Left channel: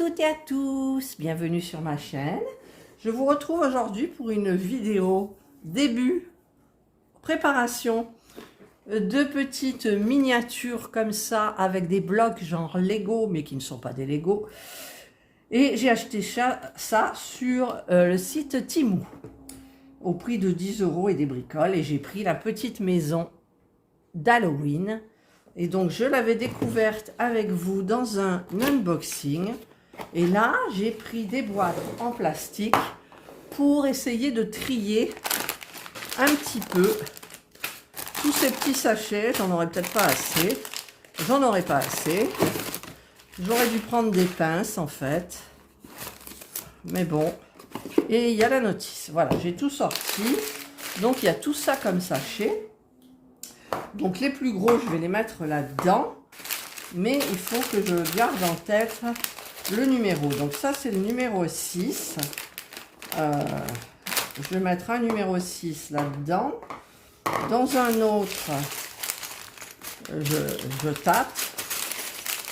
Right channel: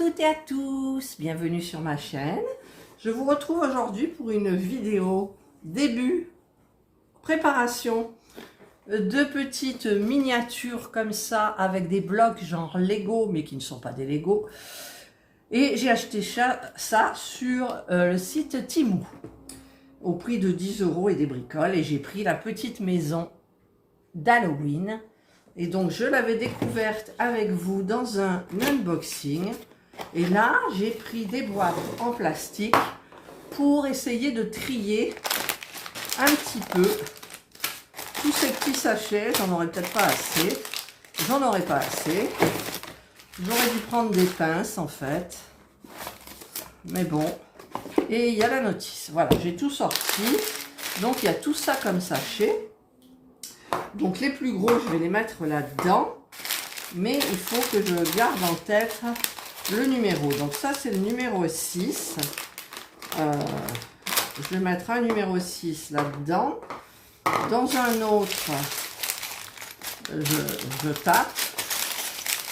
toutes et à tous, bienvenue sur ma chaîne. Je vous retrouve aujourd'hui pour une vidéo début, préparation de petites miniatures comme ça avec des blocs genre Lego mais qui ne sont pas des Lego. Et j'ai acheté ça sur le site Temu au prix de 10 € et des bricoles, et j'ai pris la petite maison d'Halloween. Et donc je l'avais découverte avec vous dans un unboxing, et là j'ai pris des boîtes en plastique pour essayer de trier un petit peu tous ces petits sachets. J'en aurais peut-être pas assez, j'en aurais pas assez, j'aurais dû prendre des pinces en fait, mais bon. Et il y a la notice, voilà, j'ai tout sorti, donc il y a tout ça comme sachet. Donc les plus gros, je vais les mettre là-dedans, mais il faut que je garde en tête le numéro. Donc ça, c'est le numéro 6. Je vais mettre un numéro 6 là-dedans. Dans un autre, je tape.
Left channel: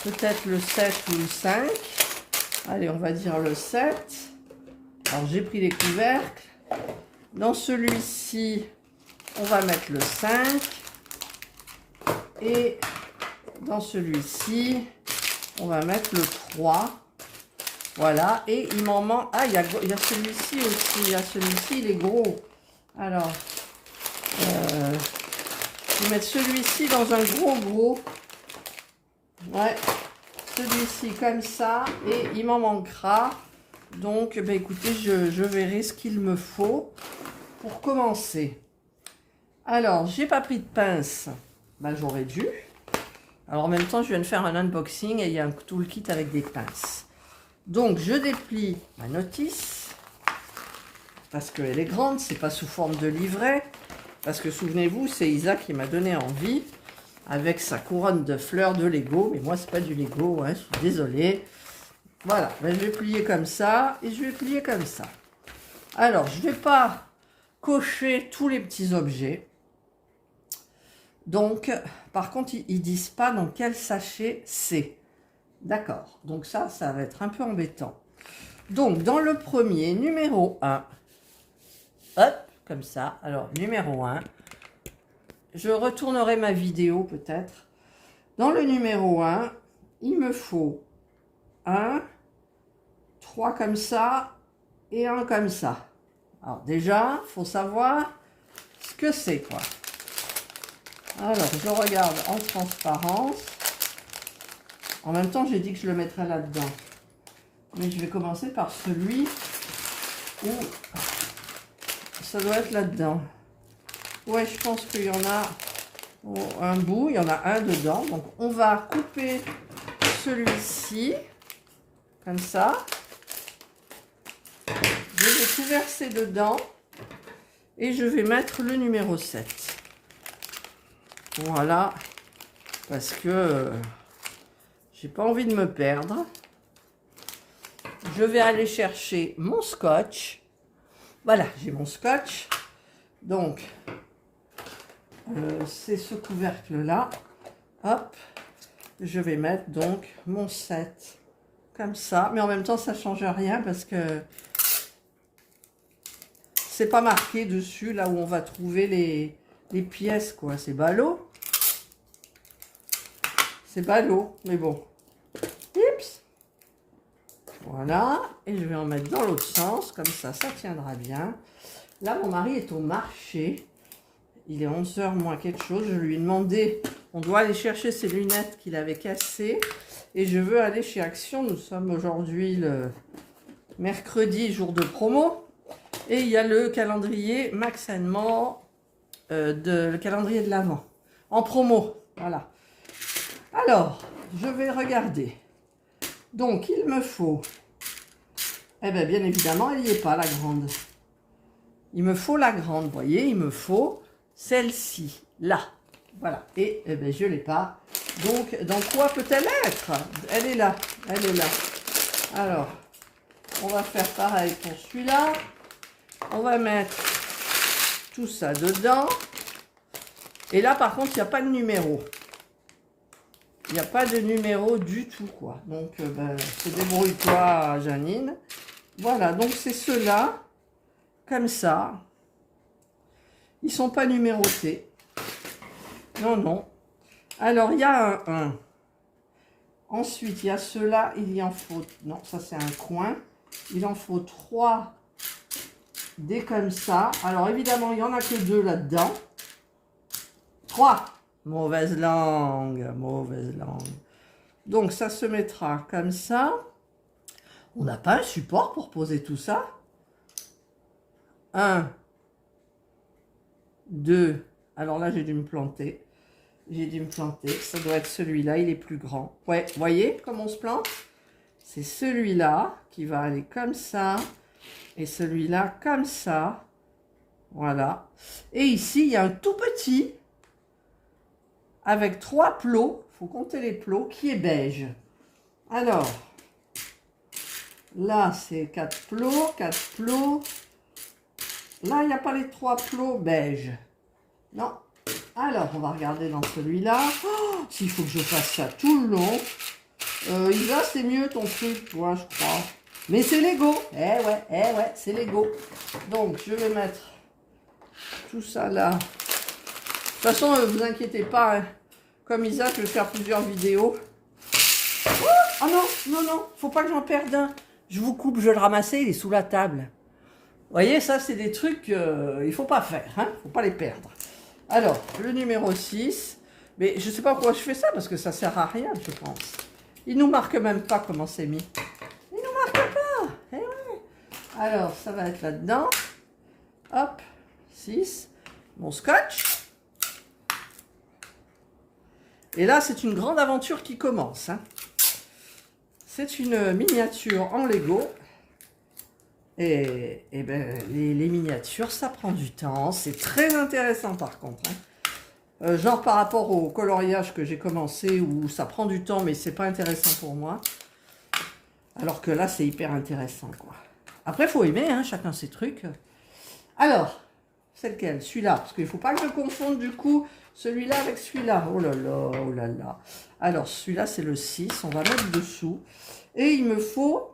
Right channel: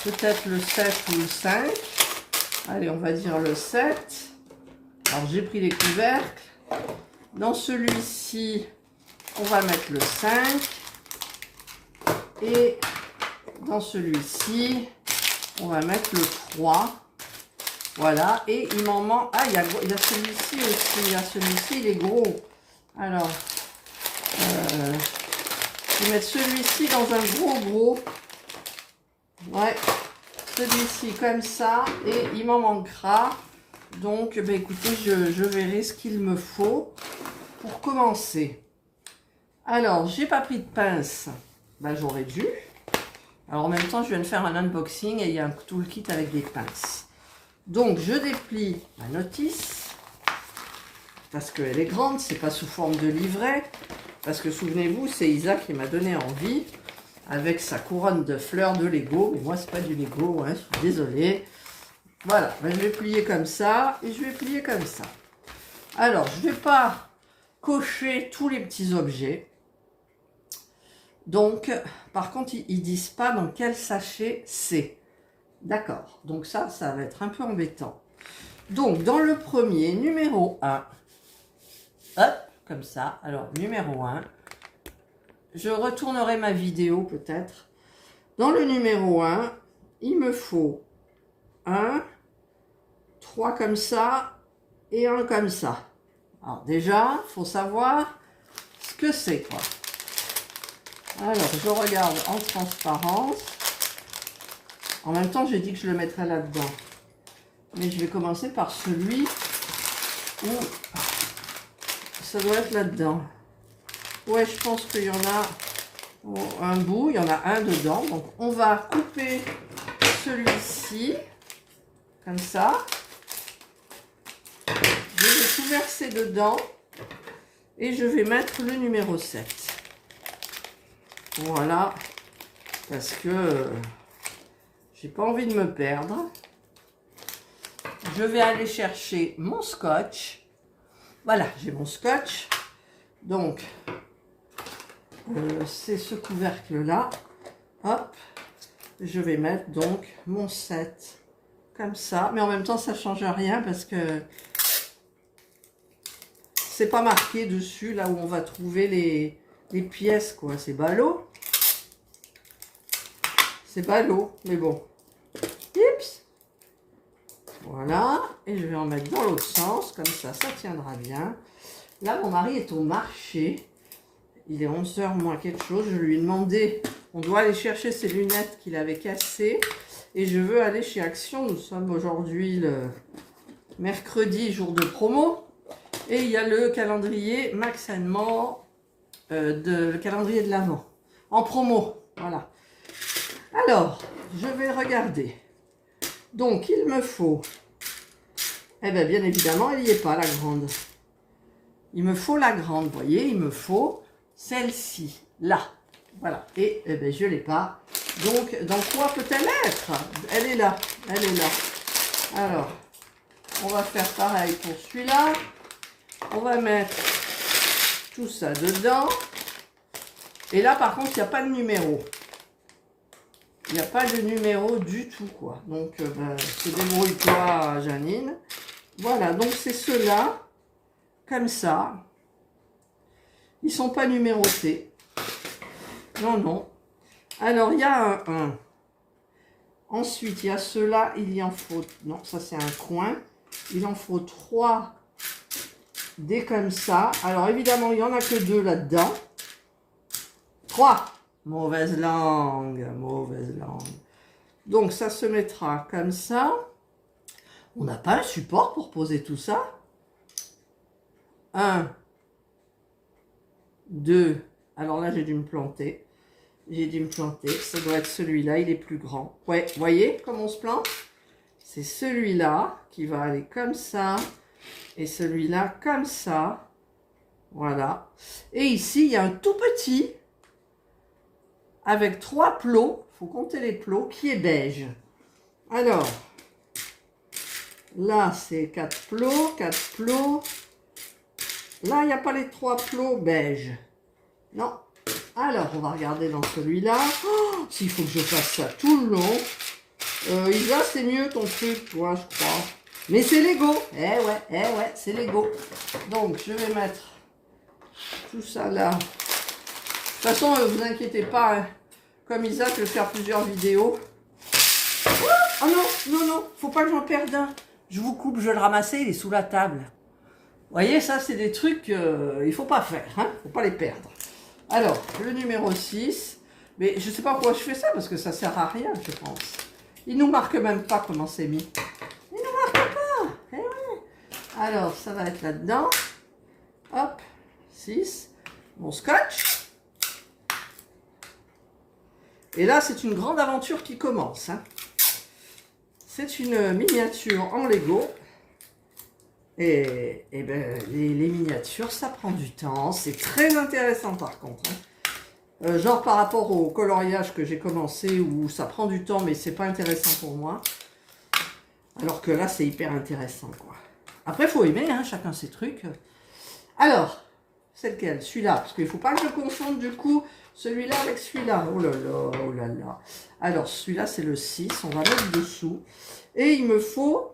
Peut-être le 7 ou le 5. Allez, on va dire le 7. Alors j'ai pris les couvercles. Dans celui-ci, on va mettre le 5. Et dans celui-ci, on va mettre le 3. Voilà. Et il m'en manque... Ah, il y a celui-ci aussi. Il y a celui-ci, il est gros. Alors, je vais mettre celui-ci dans un gros. Ouais. Celui-ci comme ça. Et il m'en manquera. Donc, ben, écoutez, je verrai ce qu'il me faut pour commencer. Alors, j'ai pas pris de pince. Ben, j'aurais dû. Alors en même temps, je viens de faire un unboxing et il y a un toolkit avec des pinces. Donc je déplie ma notice parce qu'elle est grande, c'est pas sous forme de livret. Parce que souvenez-vous, c'est Isaac qui m'a donné envie avec sa couronne de fleurs de Lego. Mais moi, c'est pas du Lego, hein, je suis désolée. Voilà, ben, je vais plier comme ça et je vais plier comme ça. Alors, je vais pas cocher tous les petits objets. Donc, par contre, ils disent pas dans quel sachet c'est. D'accord. Donc ça va être un peu embêtant. Donc, dans le premier, numéro 1. Hop, comme ça. Alors, numéro 1. Je retournerai ma vidéo peut-être. Dans le numéro 1, il me faut 1, 3 comme ça et 1 comme ça. Alors déjà, il faut savoir ce que c'est, quoi. Alors, je regarde en transparence. En même temps, j'ai dit que je le mettrais là-dedans. Mais je vais commencer par celui où ça doit être là-dedans. Ouais, je pense qu'il y en a un bout. Il y en a un dedans. Donc, on va couper celui-ci. Comme ça. Je vais tout verser dedans. Et je vais mettre le numéro 7. Voilà, parce que j'ai pas envie de me perdre. Je vais aller chercher mon scotch. Voilà, j'ai mon scotch. Donc, c'est ce couvercle-là. Hop, je vais mettre donc mon 7 comme ça. Mais en même temps, ça change rien parce que c'est pas marqué dessus, là où on va trouver les pièces, quoi. C'est ballot. C'est ballot, mais bon. Oups. Voilà. Et je vais en mettre dans l'autre sens. Comme ça, ça tiendra bien. Là, mon mari est au marché. Il est 11 h moins quelque chose. Je lui ai demandé, on doit aller chercher ses lunettes qu'il avait cassées. Et je veux aller chez Action. Nous sommes aujourd'hui le mercredi, jour de promo. Et il y a le calendrier Max & More, le calendrier de l'Avent. En promo, voilà. Alors, je vais regarder. Donc, il me faut... Eh bien, bien évidemment, elle n'y est pas, la grande. Il me faut la grande, vous voyez, il me faut celle-ci, là. Voilà. Et eh bien, je ne l'ai pas. Donc, dans quoi peut-elle être? Elle est là, elle est là. Alors, on va faire pareil pour celui-là. On va mettre tout ça dedans. Et là, par contre, il n'y a pas de numéro. Il n'y a pas de numéro du tout, quoi. Donc, se débrouille-toi, Janine. Voilà, donc c'est ceux-là, comme ça. Ils ne sont pas numérotés. Non, non. Alors, il y a un 1. Ensuite, il y a ceux-là, il y en faut... Non, ça c'est un coin. Il en faut 3 des comme ça. Alors, évidemment, il n'y en a que 2 là-dedans. 3. Mauvaise langue, mauvaise langue. Donc, ça se mettra comme ça. On n'a pas un support pour poser tout ça. 1, 2. Alors là, j'ai dû me planter. J'ai dû me planter. Ça doit être celui-là, il est plus grand. Ouais, vous voyez comment on se plante? C'est celui-là qui va aller comme ça. Et celui-là comme ça. Voilà. Et ici, il y a un tout petit avec 3 plots. Il faut compter les plots qui est beige. Alors, là, c'est 4 plots, 4 plots. Là, il n'y a pas les 3 plots beige. Non. Alors, on va regarder dans celui-là. Oh, s'il faut que je fasse ça tout le long. Isa, c'est mieux ton truc, toi, je crois. Mais c'est Lego. Eh ouais, c'est Lego. Donc, je vais mettre tout ça là. De toute façon, ne vous inquiétez pas. Hein. Comme Isa, je vais faire plusieurs vidéos. Oh non, faut pas que j'en perde un. Je vous coupe, je vais le ramasser, il est sous la table. Vous voyez, ça, c'est des trucs qu'il ne faut pas faire. Hein. Faut pas les perdre. Alors, le numéro 6. Mais je ne sais pas pourquoi je fais ça, parce que ça ne sert à rien, je pense. Il ne nous marque même pas comment c'est mis. Il ne nous marque pas. Eh ouais. Alors, ça va être là-dedans. Hop, 6. Mon scotch. Et là, c'est une grande aventure qui commence. Hein. C'est une miniature en Lego. Et ben, les miniatures, ça prend du temps. C'est très intéressant par contre. Hein. Genre par rapport au coloriage que j'ai commencé, où ça prend du temps, mais c'est pas intéressant pour moi. Alors que là, c'est hyper intéressant, quoi. Après, il faut aimer, hein, chacun ses trucs. Alors, c'est lequel? Celui-là, parce qu'il ne faut pas que je confonde du coup celui-là avec celui-là. Oh là là, oh là là. Alors, celui-là, c'est le 6. On va mettre dessous. Et il me faut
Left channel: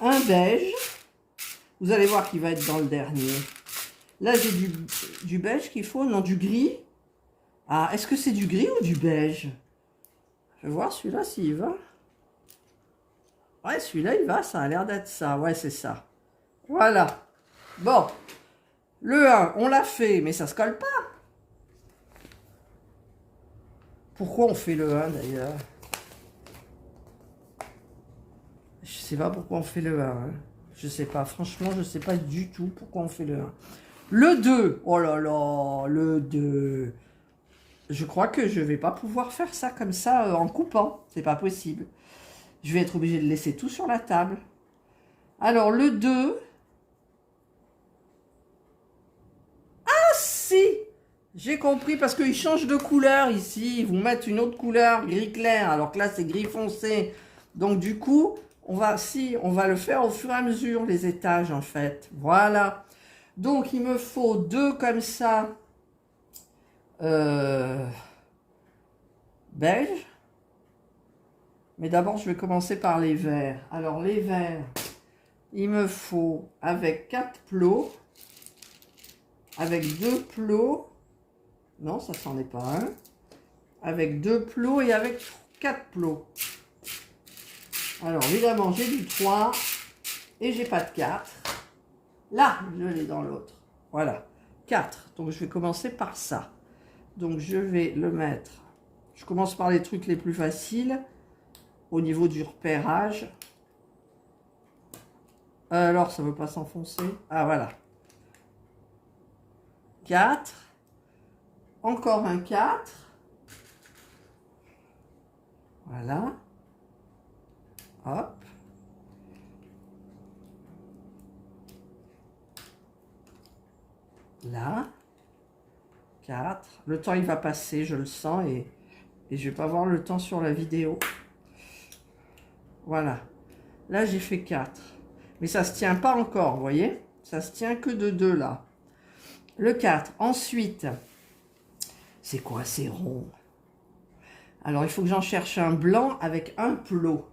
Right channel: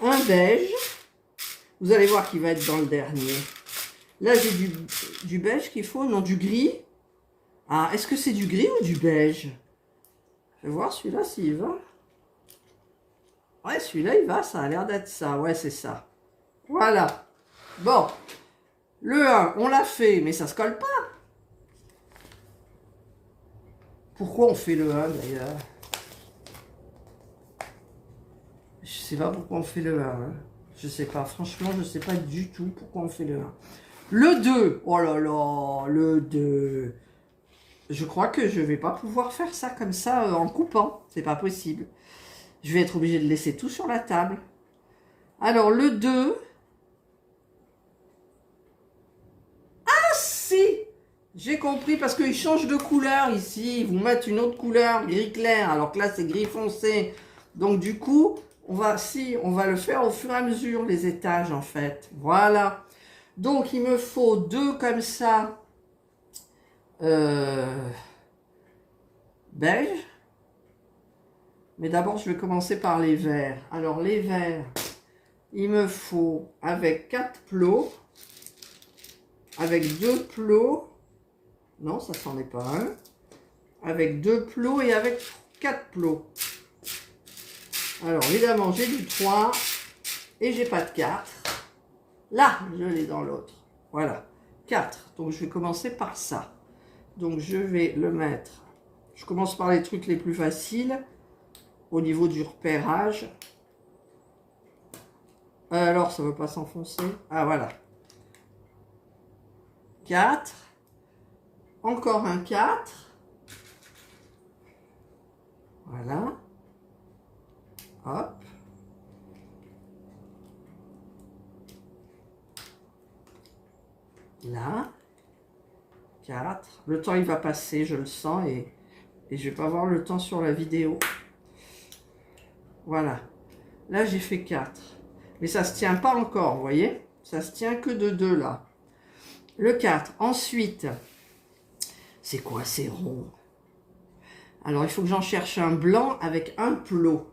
un beige. Vous allez voir qu'il va être dans le dernier. Là, j'ai du beige qu'il faut. Non, du gris. Ah, est-ce que c'est du gris ou du beige? Je vais voir celui-là s'il va. Ouais, celui-là, il va. Ça a l'air d'être ça. Ouais, c'est ça. Voilà. Bon. Le 1, on l'a fait, mais ça se colle pas. Pourquoi on fait le 1 d'ailleurs? Je sais pas pourquoi on fait le 1. Hein. Je sais pas. Franchement, je sais pas du tout pourquoi on fait le 1. Le 2. Oh là là, le 2. Je crois que je vais pas pouvoir faire ça comme ça en coupant. C'est pas possible. Je vais être obligée de laisser tout sur la table. Alors, le 2. Ah si! J'ai compris parce qu'ils changent de couleur ici. Ils vous mettent une autre couleur, gris clair, alors que là, c'est gris foncé. Donc, du coup, on va le faire au fur et à mesure, les étages, en fait. Voilà. Donc, il me faut 2 comme ça. Beige. Mais d'abord, je vais commencer par les verts. Alors, les verts, il me faut avec 4 plots. Avec 2 plots. Non, ça s'en est pas un. Avec 2 plots et avec 4 plots. Alors, évidemment, j'ai du 3 et j'ai pas de 4. Là, je l'ai dans l'autre. Voilà, 4. Donc, je vais commencer par ça. Donc, je vais le mettre. Je commence par les trucs les plus faciles au niveau du repérage. Alors, ça ne veut pas s'enfoncer. Ah, voilà. 4. Encore un 4. Voilà. Hop. Là. 4. Le temps, il va passer, je le sens, et je vais pas voir le temps sur la vidéo. Voilà. Là, j'ai fait 4. Mais ça se tient pas encore, vous voyez? Ça se tient que de 2, là. Le 4. Ensuite, c'est quoi ces ronds? Alors, il faut que j'en cherche un blanc avec un plot.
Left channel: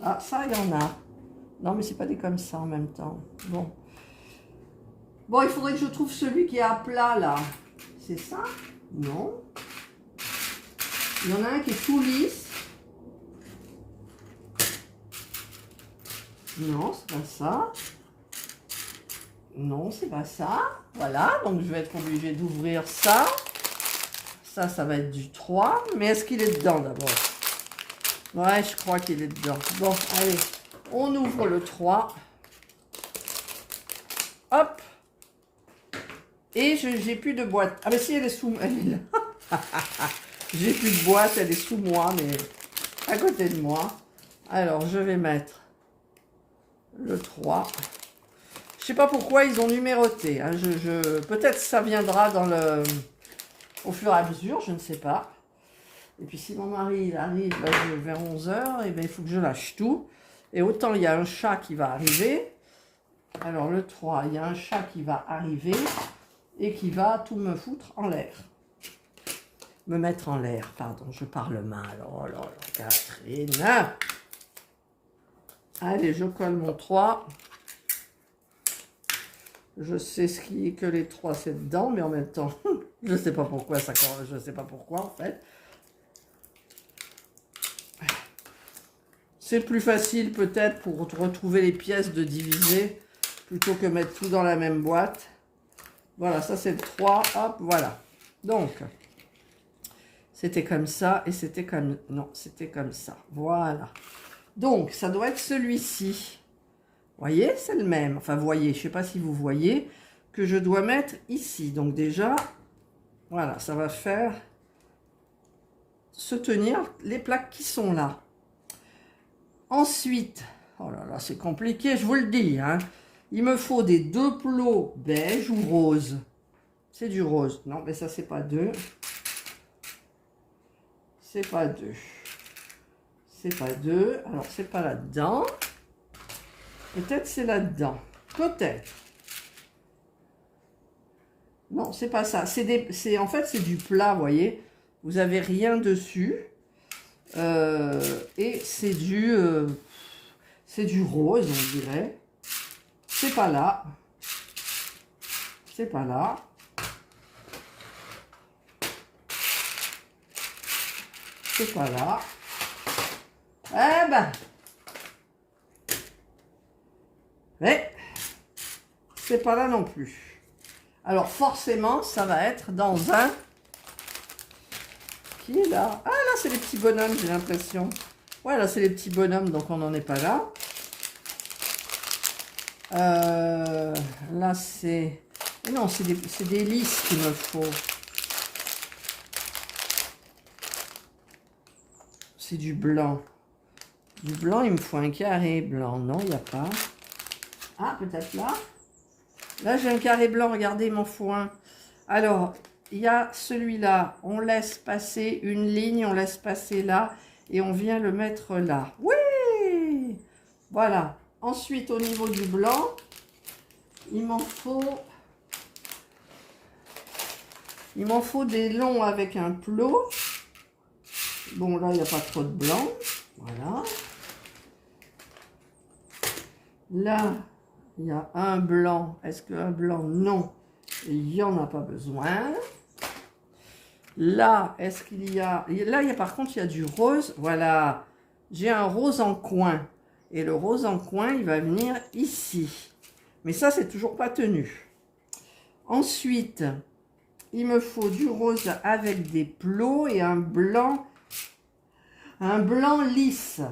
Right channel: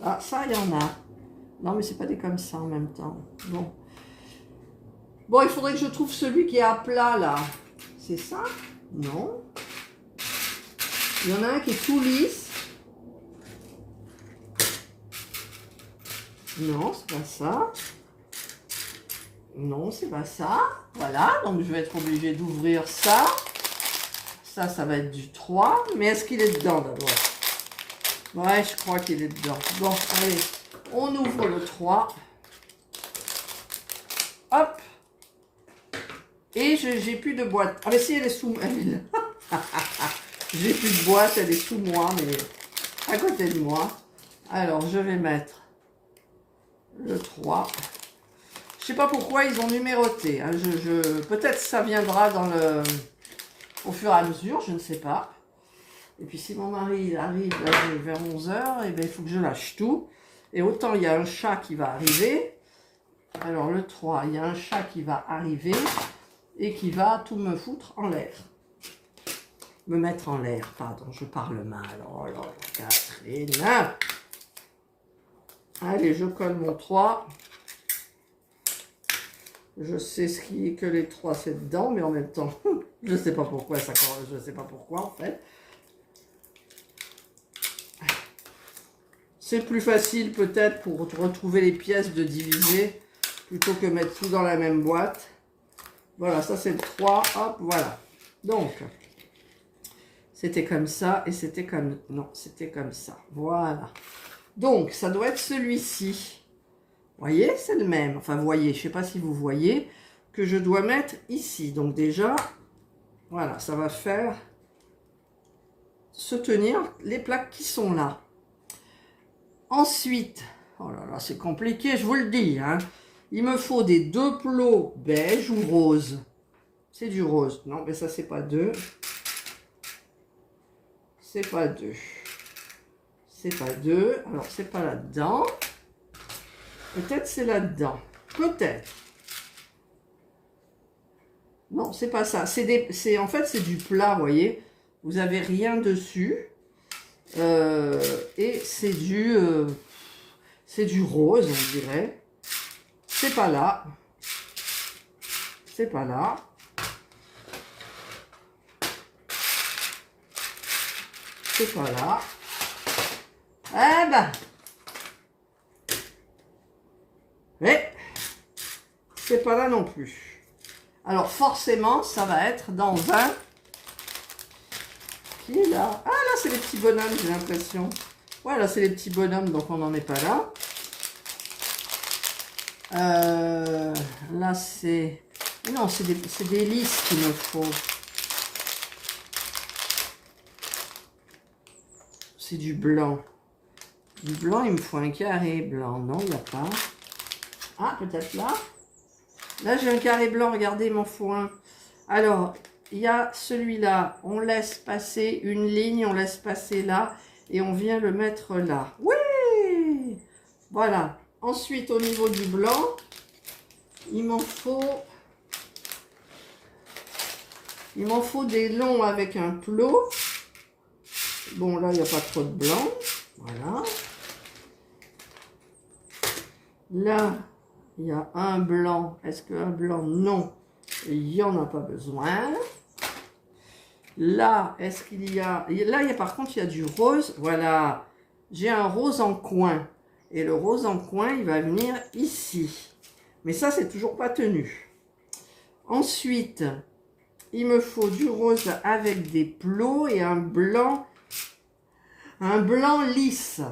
Ah, ça, il y en a. Non, mais c'est pas des comme ça en même temps. Bon. Bon, il faudrait que je trouve celui qui est à plat, là. C'est ça? Non. Il y en a un qui est tout lisse. Non, c'est pas ça. Non, c'est pas ça. Voilà, donc je vais être obligée d'ouvrir ça. Ça va être du 3. Mais est-ce qu'il est dedans d'abord? Ouais, je crois qu'il est dedans. Bon, allez, on ouvre le 3. Hop. Et j'ai plus de boîte. Ah, mais si, elle est sous... Elle est là. J'ai plus de boîte, elle est sous moi, mais à côté de moi. Alors, je vais mettre le 3. Je sais pas pourquoi ils ont numéroté. Hein. Peut-être ça viendra dans le... au fur et à mesure, je ne sais pas. Et puis si mon mari il arrive là, vers 11 h, et bien, il faut que je lâche tout. Et autant il y a un chat qui va arriver. Alors le 3, il y a un chat qui va arriver et qui va tout me foutre en l'air. Me mettre en l'air, pardon, je parle mal. Oh là là, Catherine. Allez, je colle mon 3. Je sais que les 3 c'est dedans, mais en même temps, je ne sais pas pourquoi ça, je ne sais pas pourquoi en fait. C'est plus facile peut-être pour retrouver les pièces de diviser plutôt que mettre tout dans la même boîte. Voilà, ça c'est le 3, hop, voilà. Donc, c'était comme ça et c'était comme... Non, c'était comme ça, voilà. Donc, ça doit être celui-ci. Vous voyez, c'est le même. Enfin, vous voyez, je ne sais pas si vous voyez, que je dois mettre ici. Donc déjà, voilà, ça va faire se tenir les plaques qui sont là. Ensuite, oh là là, c'est compliqué, je vous le dis, hein. Il me faut des 2 plots beige ou rose. C'est du rose. Non, mais ça, c'est pas 2. C'est pas 2. C'est pas 2. Alors, c'est pas là-dedans. Peut-être c'est là-dedans. Peut-être. Non, c'est pas ça. En fait, c'est du plat, vous voyez. Vous avez rien dessus. Et c'est du rose, on dirait. C'est pas là. C'est pas là. C'est pas là. Eh ben. Mais c'est pas là non plus. Alors forcément, ça va être dans un... Qui est là? Ah là, c'est les petits bonhommes, j'ai l'impression. Ouais, là, c'est les petits bonhommes, donc on n'en est pas là. Là, c'est... Non, c'est des lisses qu'il me faut. C'est du blanc. Du blanc, il me faut un carré blanc. Non, il n'y a pas. Ah, peut-être là. Là, j'ai un carré blanc. Regardez, il m'en faut un. Alors, il y a celui-là. On laisse passer une ligne. On laisse passer là. Et on vient le mettre là. Oui! Voilà. Ensuite, au niveau du blanc, il m'en faut des longs avec un plot. Bon, là, il n'y a pas trop de blanc. Voilà. Là, il y a un blanc. Est-ce qu'un blanc? Non. Il n'y en a pas besoin. Là, est-ce qu'il y a... Là, par contre, il y a du rose. Voilà. J'ai un rose en coin. Et le rose en coin, il va venir ici. Mais ça, c'est toujours pas tenu. Ensuite, il me faut du rose avec des plots et un blanc lisse.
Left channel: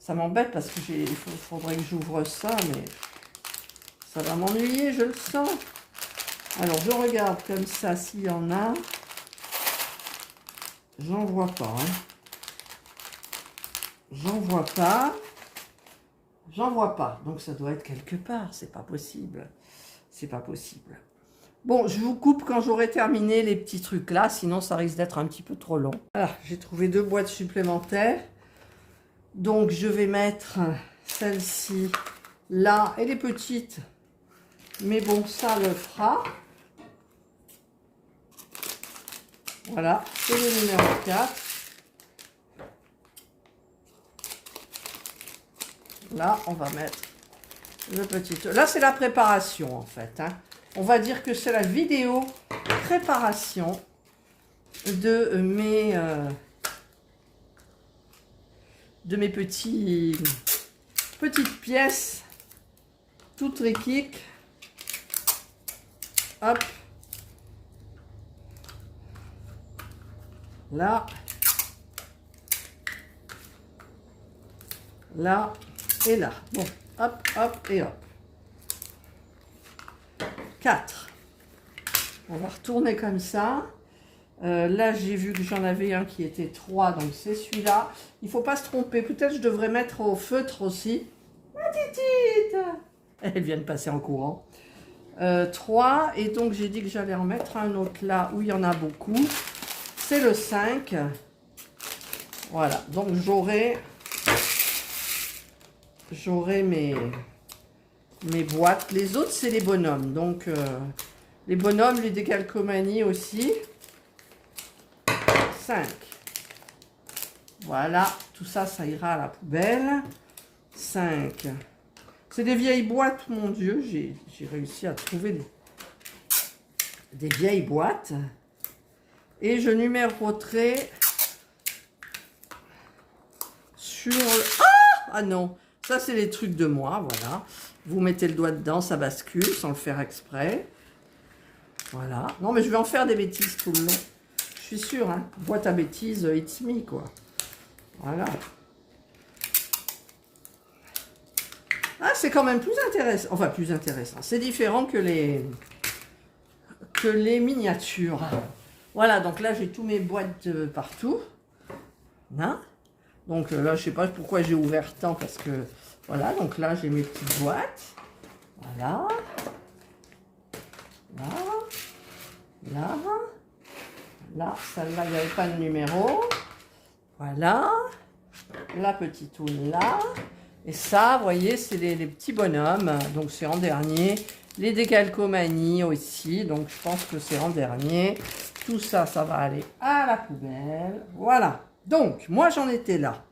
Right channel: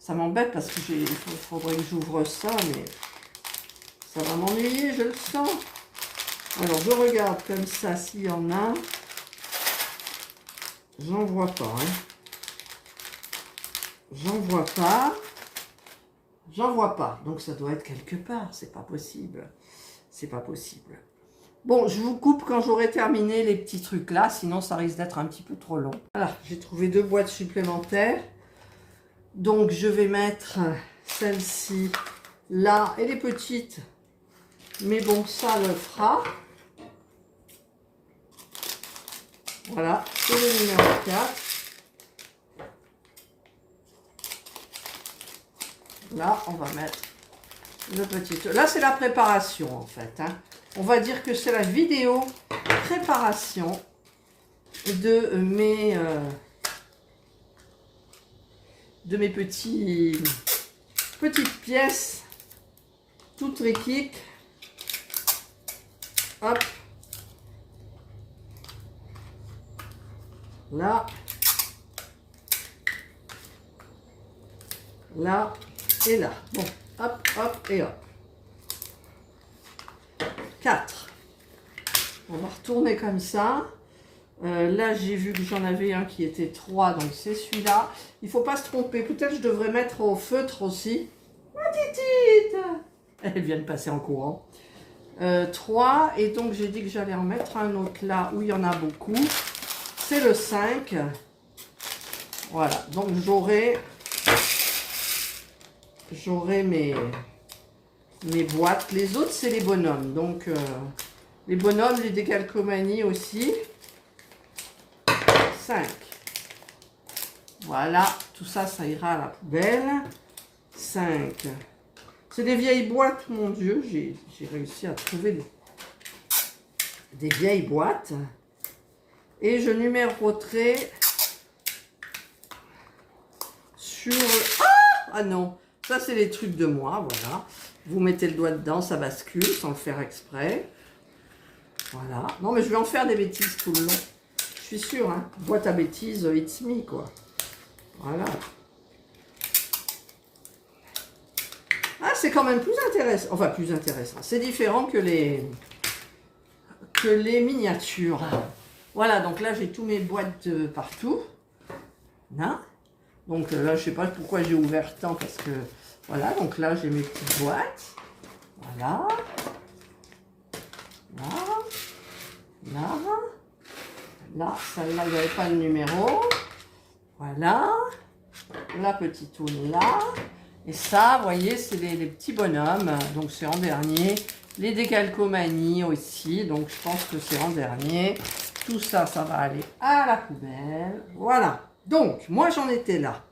Ça m'embête parce que il faudrait que j'ouvre ça, mais ça va m'ennuyer, je le sens. Alors, je regarde comme ça s'il y en a. J'en vois pas. Hein. J'en vois pas. J'en vois pas. Donc, ça doit être quelque part. C'est pas possible. C'est pas possible. Bon, je vous coupe quand j'aurai terminé les petits trucs là. Sinon, ça risque d'être un petit peu trop long. Voilà, j'ai trouvé 2 boîtes supplémentaires. Donc, je vais mettre celle-ci là. Et les petites, Mais bon, ça le fera. Voilà, c'est le numéro 4. Là, on va mettre le petit... Là, c'est la préparation, en fait. Hein. On va dire que c'est la vidéo préparation de mes petites pièces toutes triquiques. Hop. Là. Là et là. Bon, hop, hop et hop. 4. On va retourner comme ça. Là, j'ai vu que j'en avais un qui était 3, donc c'est celui-là. Il ne faut pas se tromper. Peut-être je devrais mettre au feutre aussi. Ma petite, elle vient de passer en courant. 3, et donc j'ai dit que j'allais en mettre un autre là où il y en a beaucoup. C'est le 5. Voilà, donc j'aurai mes boîtes. Les autres, c'est les bonhommes. Donc, les bonhommes, les décalcomanies aussi. 5. Voilà, tout ça, ça ira à la poubelle. 5. C'est des vieilles boîtes, mon Dieu. J'ai réussi à trouver des vieilles boîtes. Et je numéroterai sur... Ah non, ça c'est les trucs de moi, voilà. Vous mettez le doigt dedans, ça bascule sans le faire exprès. Voilà. Non, mais je vais en faire des bêtises tout le long. Je suis sûre, hein. Boîte à bêtises, it's me, quoi. Voilà. Ah, c'est quand même plus intéressant. Enfin, plus intéressant. C'est différent que les miniatures. Voilà, donc là, j'ai tous mes boîtes partout. Là. Donc là, je sais pas pourquoi j'ai ouvert tant, parce que... Voilà, donc là, j'ai mes petites boîtes. Voilà. Là. Là. Là, celle-là, il n'y avait pas de numéro. Voilà. La petite toune là. Et ça, vous voyez, c'est les petits bonhommes. Donc, c'est en dernier. Les décalcomanies aussi. Donc, je pense que c'est en dernier. Tout ça, ça va aller à la poubelle. Voilà. Donc, moi, j'en étais là.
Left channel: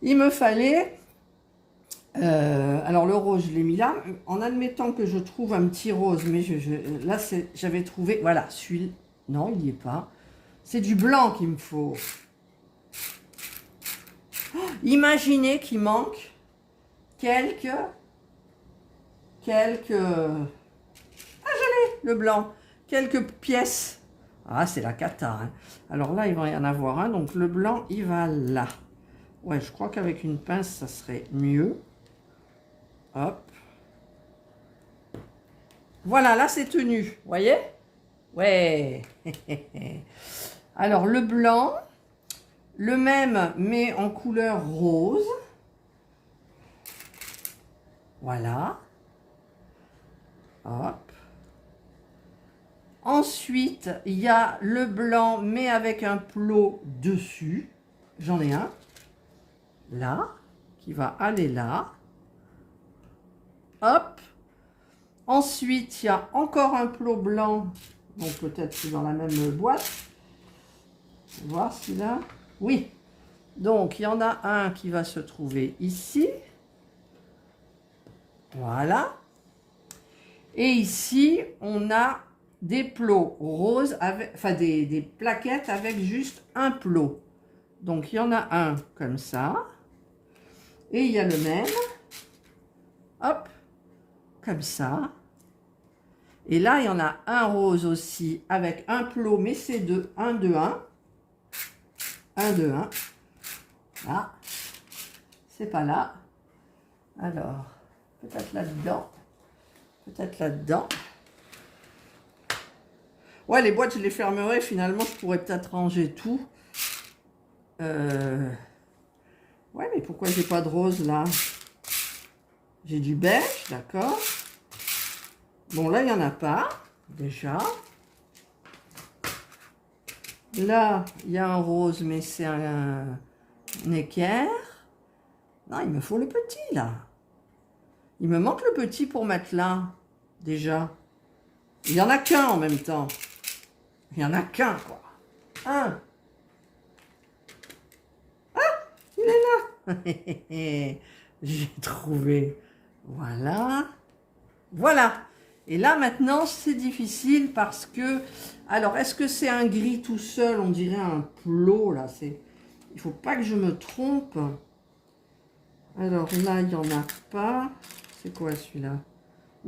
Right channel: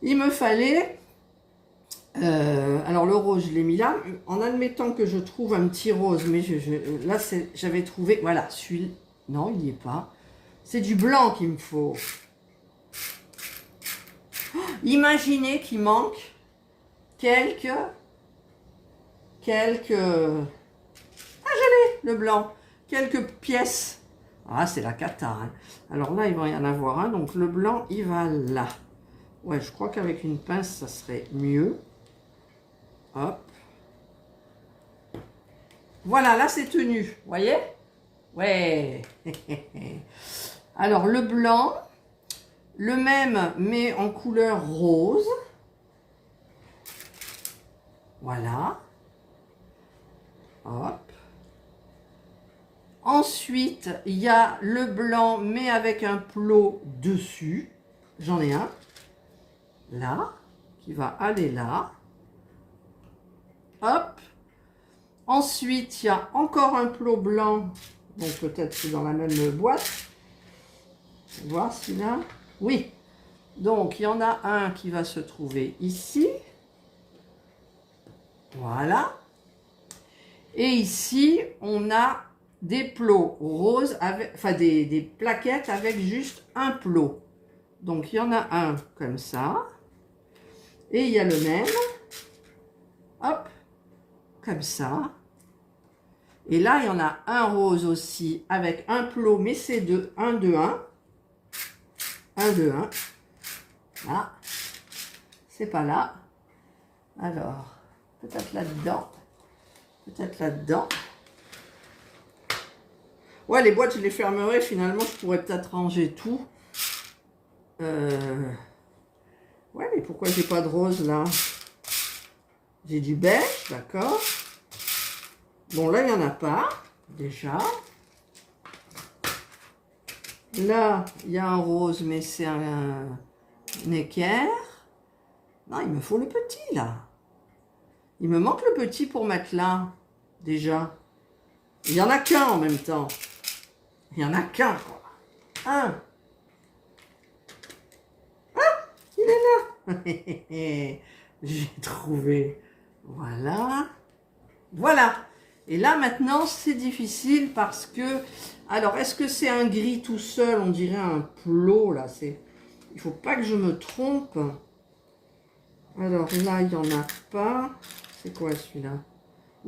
Il me fallait... alors, le rose, je l'ai mis là. En admettant que je trouve un petit rose. Mais là, j'avais trouvé... Voilà, celui-là. Non, il n'y est pas. C'est du blanc qu'il me faut. Oh, imaginez qu'il manque quelques... Ah, j'allais, le blanc. Quelques pièces. Ah, c'est la cata. Hein. Alors là, il va y en avoir un. Donc, le blanc, il va là. Ouais, je crois qu'avec une pince, ça serait mieux. Hop. Voilà, là, c'est tenu. Vous voyez? Ouais. Alors, le blanc, le même, mais en couleur rose. Voilà. Hop. Ensuite, il y a le blanc, mais avec un plot dessus. J'en ai un. Là. Qui va aller là. Hop. Ensuite, il y a encore un plot blanc. Donc, peut-être c'est dans la même boîte. On va voir celui-là. Oui. Donc, il y en a un qui va se trouver ici. Voilà. Et ici, on a des plots roses, avec, enfin des plaquettes avec juste un plot. Donc, il y en a un comme ça. Et il y a le même. Hop. Comme ça. Et là, il y en a un rose aussi avec un plot, mais c'est de 1, 2, 1. 1, 2, 1. Là. C'est pas là. Alors, peut-être là-dedans. Peut-être là-dedans. Ouais, les boîtes, je les fermerai. Finalement, je pourrais peut-être ranger tout. Ouais, mais pourquoi j'ai pas de rose, là? J'ai du beige, d'accord. Bon, là, il n'y en a pas, déjà. Là, il y a un rose, mais c'est un équerre. Non, il me faut le petit, là. Il me manque le petit pour mettre là. déjà? Il n'y en a qu'un en même temps. Il n'y en a qu'un, quoi. Un. Ah, il est là. J'ai trouvé. Voilà. Voilà. Et là, maintenant, c'est difficile parce que... Alors, est-ce que c'est un gris tout seul? On dirait un plot, là. Il faut pas que je me trompe. Alors là, il n'y en a pas. C'est quoi celui-là?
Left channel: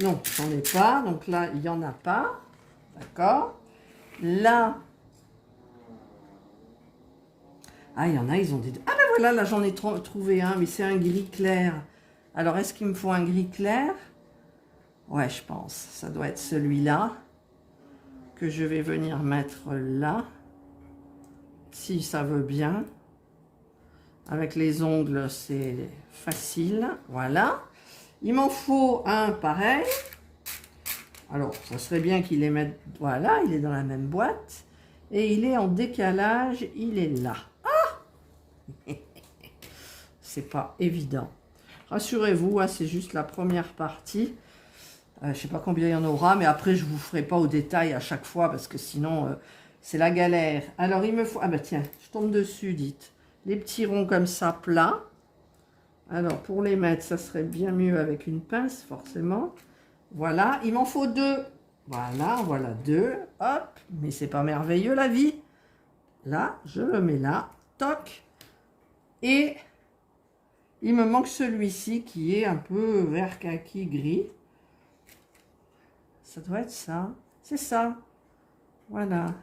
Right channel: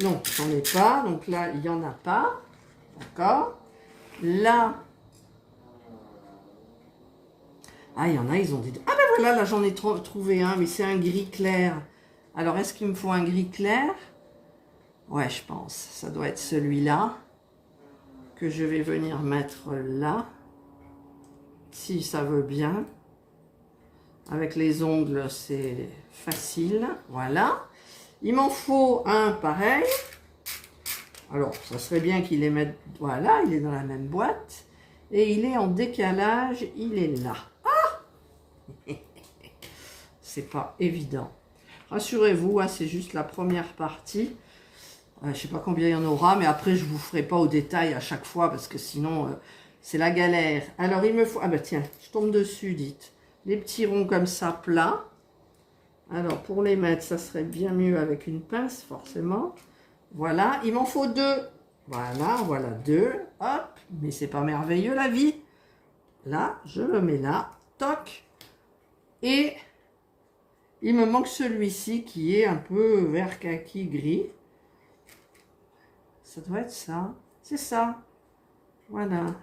Non, j'en ai pas. Donc là, il n'y en a pas. D'accord. Là... Ah, il y en a, ils ont des... Ah ben voilà, là, j'en ai trouvé un, mais c'est un gris clair. Alors, est-ce qu'il me faut un gris clair? Ouais, je pense. Ça doit être celui-là que je vais venir mettre là. Si ça veut bien. Avec les ongles, c'est facile. Voilà. Il m'en faut un pareil. Alors, ça serait bien qu'il les mette... Voilà, il est dans la même boîte. Et il est en décalage. Il est là. Ah! C'est pas évident. Rassurez-vous, hein, c'est juste la première partie. Je ne sais pas combien il y en aura, mais après, je ne vous ferai pas au détail à chaque fois, parce que sinon, c'est la galère. Alors, il me faut... Ah bah tiens, je tombe dessus, dites. Les petits ronds comme ça, plats. Alors, pour les mettre, ça serait bien mieux avec une pince, forcément. Voilà, il m'en faut deux. Voilà, deux. Hop, mais c'est pas merveilleux, la vie. Là, je le mets là. Toc. Et il me manque celui-ci qui est un peu vert kaki gris. Ça doit être ça. C'est ça. Voilà.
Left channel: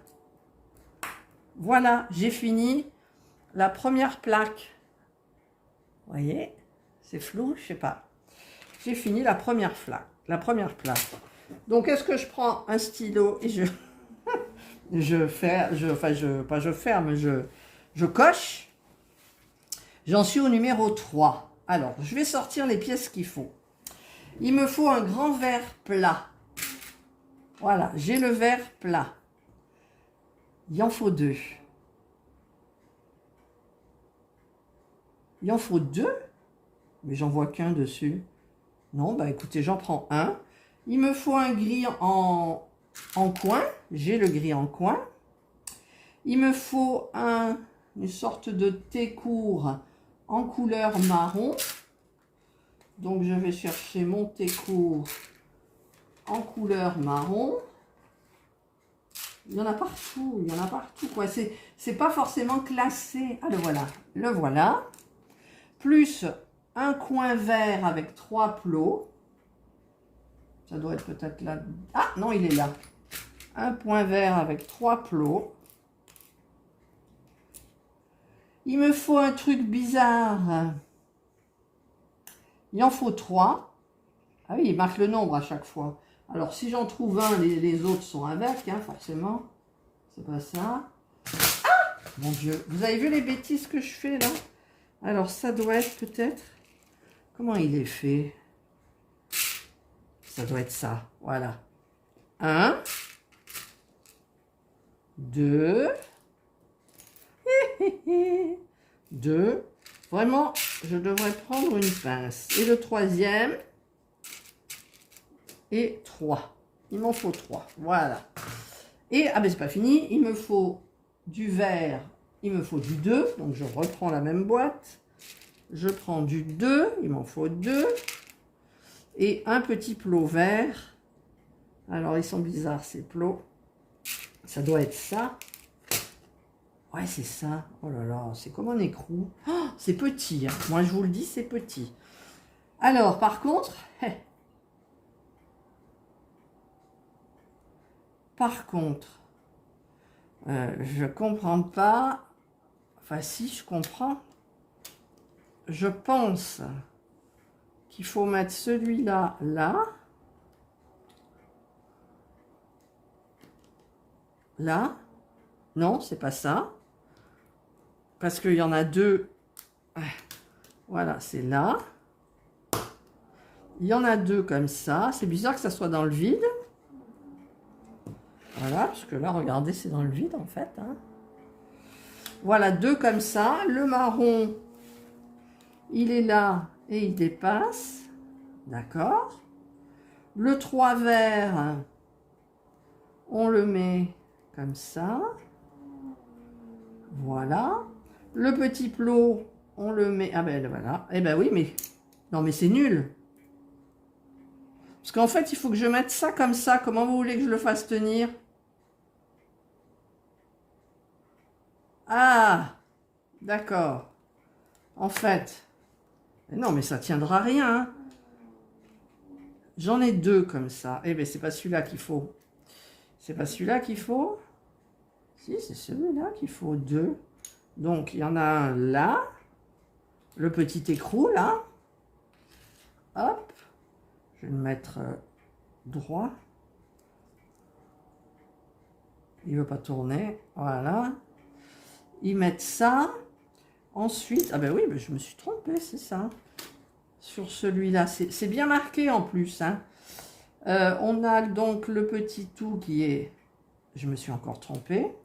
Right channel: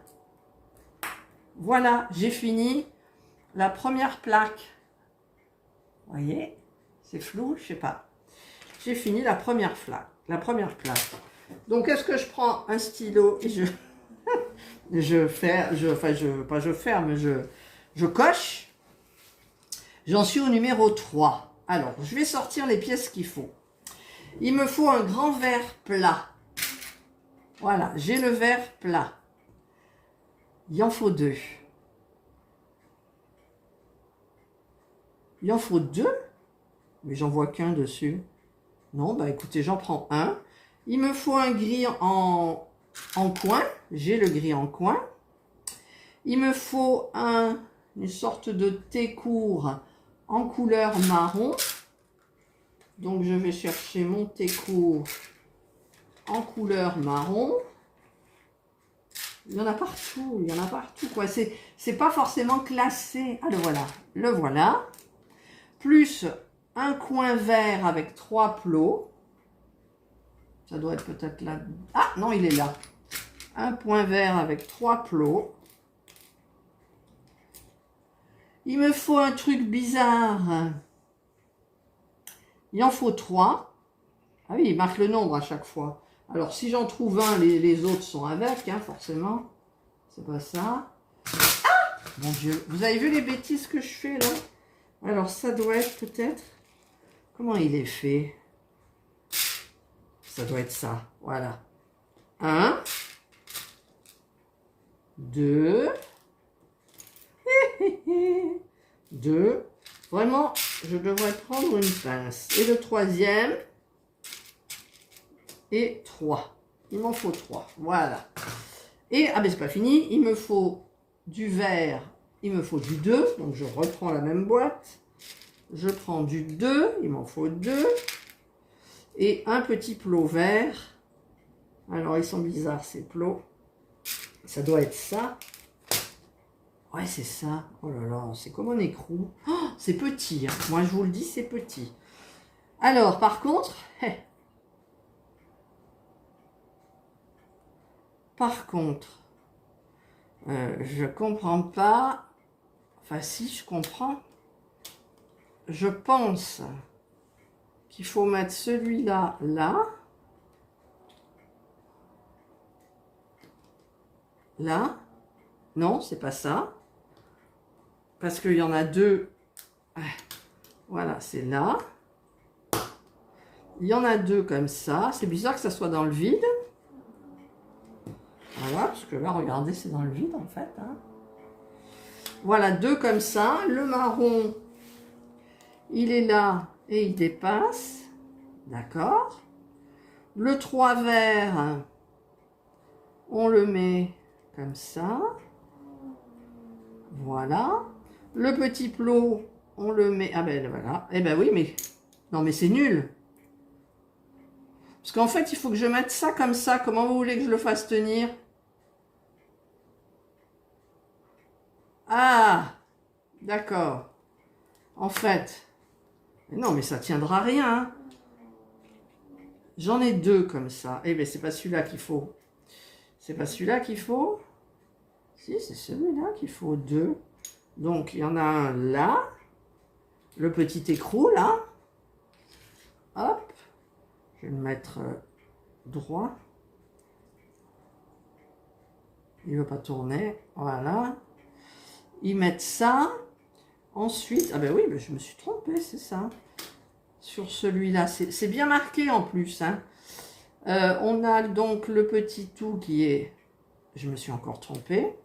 Voilà, j'ai fini la première plaque. Vous voyez? C'est flou, je sais pas. J'ai fini la première plaque. Donc, est-ce que je prends un stylo et je coche. J'en suis au numéro 3. Alors, je vais sortir les pièces qu'il faut. Il me faut un grand verre plat. Voilà, j'ai le verre plat. Il en faut deux. Il en faut deux? Mais j'en vois qu'un dessus. Non, bah écoutez, j'en prends un. Il me faut un gris en coin. J'ai le gris en coin. Il me faut une sorte de thé court en couleur marron. Donc, je vais chercher mon thé court en couleur marron. Il y en a partout, quoi. C'est pas forcément classé. Ah, le voilà. Plus un coin vert avec 3 plots. Ça doit être peut-être là. Ah, non, il est là. Un point vert avec 3 plots. Il me faut un truc bizarre. Il en faut 3. Ah oui, il marque le nombre à chaque fois. Alors, si j'en trouve un, les autres sont avec, hein, forcément. C'est pas ça. Ah! Mon Dieu, vous avez vu les bêtises que je fais, là? Alors, ça doit être peut-être... Comment il est fait? Ça doit être ça, voilà. 1, 2, 2. Vraiment, je devrais prendre une pince. Et le troisième... Et 3. Il m'en faut 3. Voilà. Et, ah ben c'est pas fini, il me faut du vert, il me faut du 2. Donc je reprends la même boîte. Je prends du 2, il m'en faut 2. Et un petit plot vert. Alors ils sont bizarres ces plots. Ça doit être ça. Ouais, c'est ça. Oh là là, c'est comme un écrou. Oh, c'est petit, hein. Moi je vous le dis, c'est petit. Alors par contre... Par contre, je comprends pas. Enfin, si, je comprends. Je pense qu'il faut mettre celui-là, là. Là. Non, c'est pas ça. Parce qu'il y en a deux. Voilà, c'est là. Il y en a deux comme ça. C'est bizarre que ça soit dans le vide. Voilà, parce que là, regardez, c'est dans le vide, en fait. Hein. Voilà, deux comme ça. Le marron, il est là et il dépasse. D'accord. Le 3 vert, on le met comme ça. Voilà. Le petit plot, on le met... Ah ben voilà. Eh ben oui, mais... Non, mais c'est nul. Parce qu'en fait, il faut que je mette ça comme ça. Comment vous voulez que je le fasse tenir? Ah, d'accord. En fait... Non, mais ça tiendra rien. Hein. J'en ai deux comme ça. Eh bien, c'est pas celui-là qu'il faut. C'est pas celui-là qu'il faut. Si, c'est celui-là qu'il faut deux. Donc, il y en a un là. Le petit écrou, là. Hop. Je vais le mettre droit. Il ne veut pas tourner. Voilà. Ils mettent ça. Ensuite, ah ben oui, ben je me suis trompée, c'est ça. Sur celui-là, c'est bien marqué en plus. Hein. On a donc le petit tout qui est... Je me suis encore trompée.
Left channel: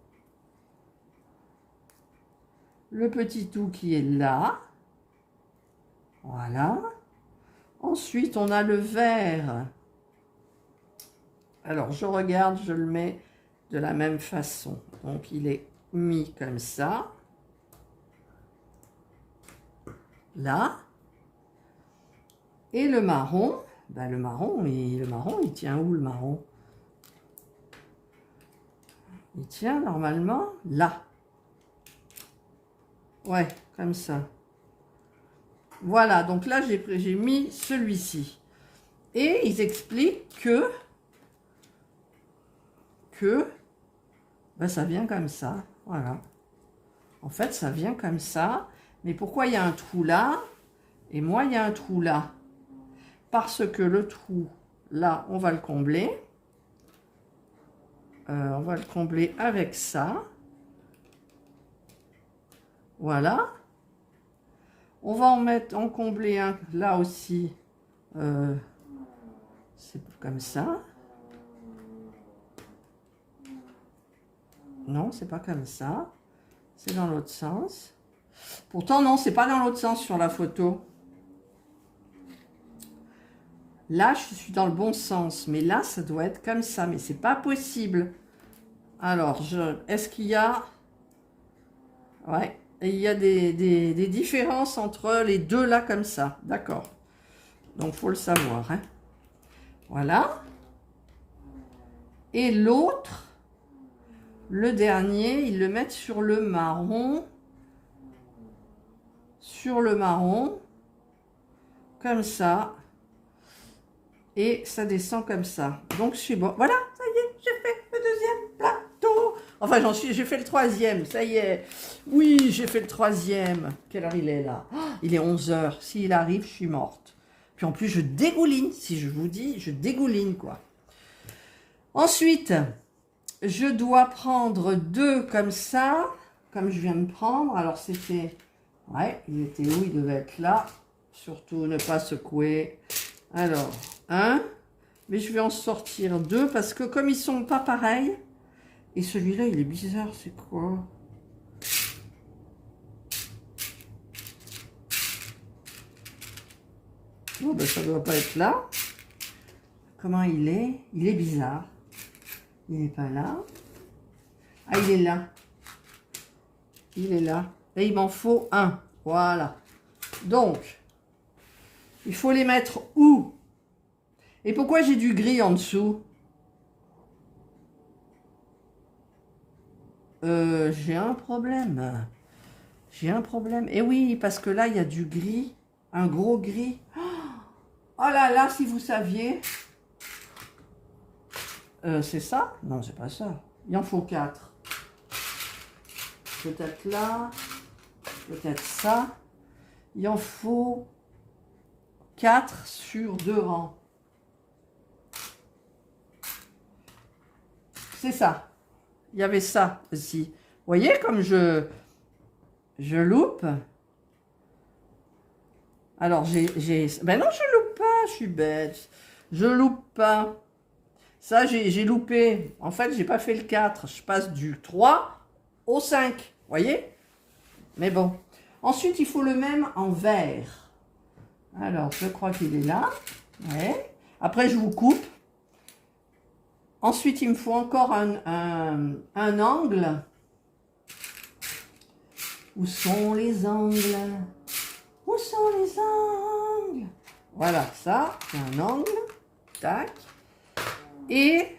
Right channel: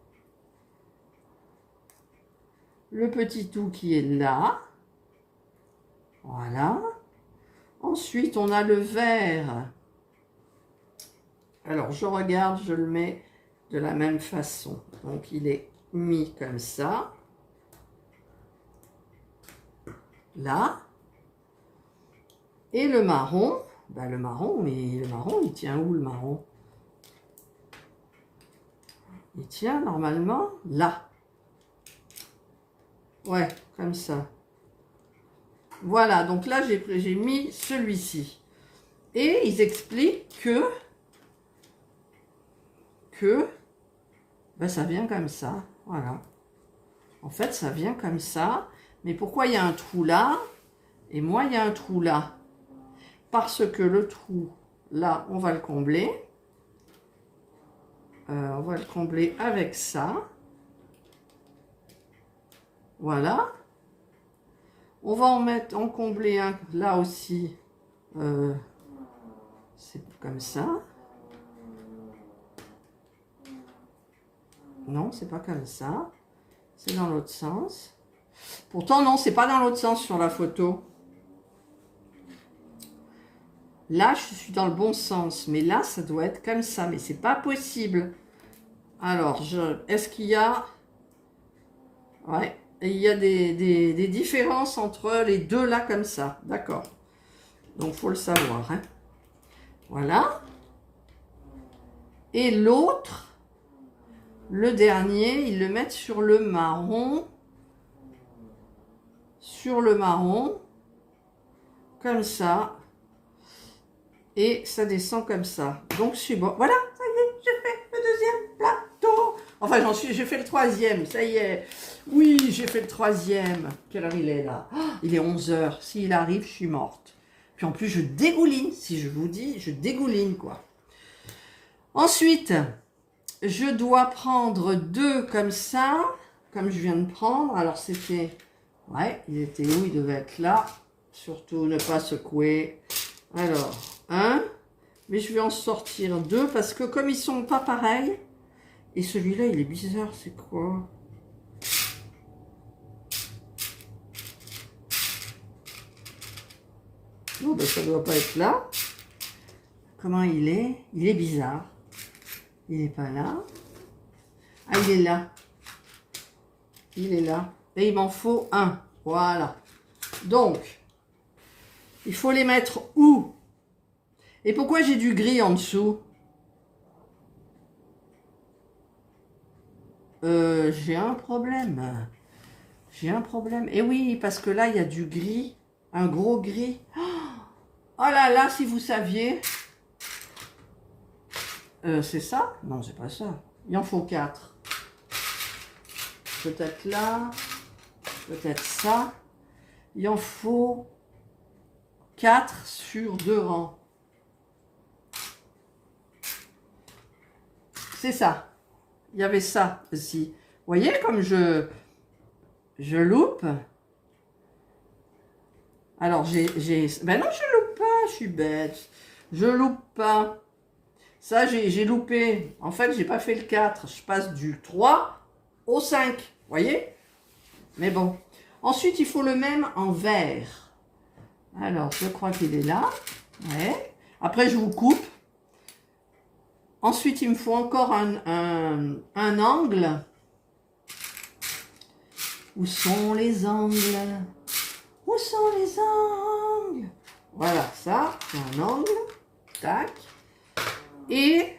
Le petit tout qui est là. Voilà. Ensuite, on a le vert. Alors, je regarde, je le mets de la même façon. Donc, il est mis comme ça. Là. Et le marron, ben le marron, il tient où le marron? Il tient normalement là. Ouais, comme ça. Voilà, donc là, j'ai mis celui-ci. Et ils expliquent que ben, ça vient comme ça. Voilà. En fait, ça vient comme ça. Mais pourquoi il y a un trou là? Et moi, il y a un trou là. Parce que le trou, là, on va le combler. On va le combler avec ça. Voilà. On va en combler un là aussi. C'est comme ça. Non, c'est pas comme ça. C'est dans l'autre sens. Pourtant, non, c'est pas dans l'autre sens sur la photo. Là, je suis dans le bon sens. Mais là, ça doit être comme ça. Mais c'est pas possible. Alors, est-ce qu'il y a... Ouais. Et il y a des différences entre les deux là comme ça. D'accord. Donc, il faut le savoir. Hein. Voilà. Et l'autre, le dernier, ils le mettent sur le marron. Sur le marron. Comme ça. Et ça descend comme ça. Donc, je suis bon. Voilà, ça y est, j'ai fait le deuxième plateau. Enfin, j'ai fait le troisième, ça y est. Oui, j'ai fait le troisième. Quelle heure il est là? Oh, il est 11 h. S'il arrive, je suis morte. Puis en plus, je dégouline. Si je vous dis, je dégouline, quoi. Ensuite, je dois prendre deux comme ça, comme je viens de prendre. Alors, c'était... Ouais, il était où? Il devait être là. Surtout, ne pas secouer. Alors, un. Mais je vais en sortir deux parce que comme ils sont pas pareils... Et celui-là, il est bizarre, c'est quoi? Non, ben ça doit pas être là. Comment il est? Il est bizarre. Il n'est pas là. Ah, il est là. Il est là. Et il m'en faut un. Voilà. Donc, il faut les mettre où? Et pourquoi j'ai du gris en dessous? J'ai un problème. J'ai un problème. Et oui, parce que là, il y a du gris. Un gros gris. Oh là là, si vous saviez. C'est ça? Non, c'est pas ça. Il en faut 4. Peut-être là. Peut-être ça. Il en faut 4 sur 2 rangs. C'est ça. Il y avait ça aussi. Vous voyez comme je loupe. Alors, ben non, je loupe pas, je suis bête. Je loupe pas. Ça, j'ai loupé. En fait, j'ai pas fait le 4. Je passe du 3 au 5. Vous voyez? Mais bon. Ensuite, il faut le même en vert. Alors, je crois qu'il est là. Ouais. Après, je vous coupe. Ensuite, il me faut encore un angle. Où sont les angles? Où sont les angles? Voilà, ça, c'est un angle. Tac. Et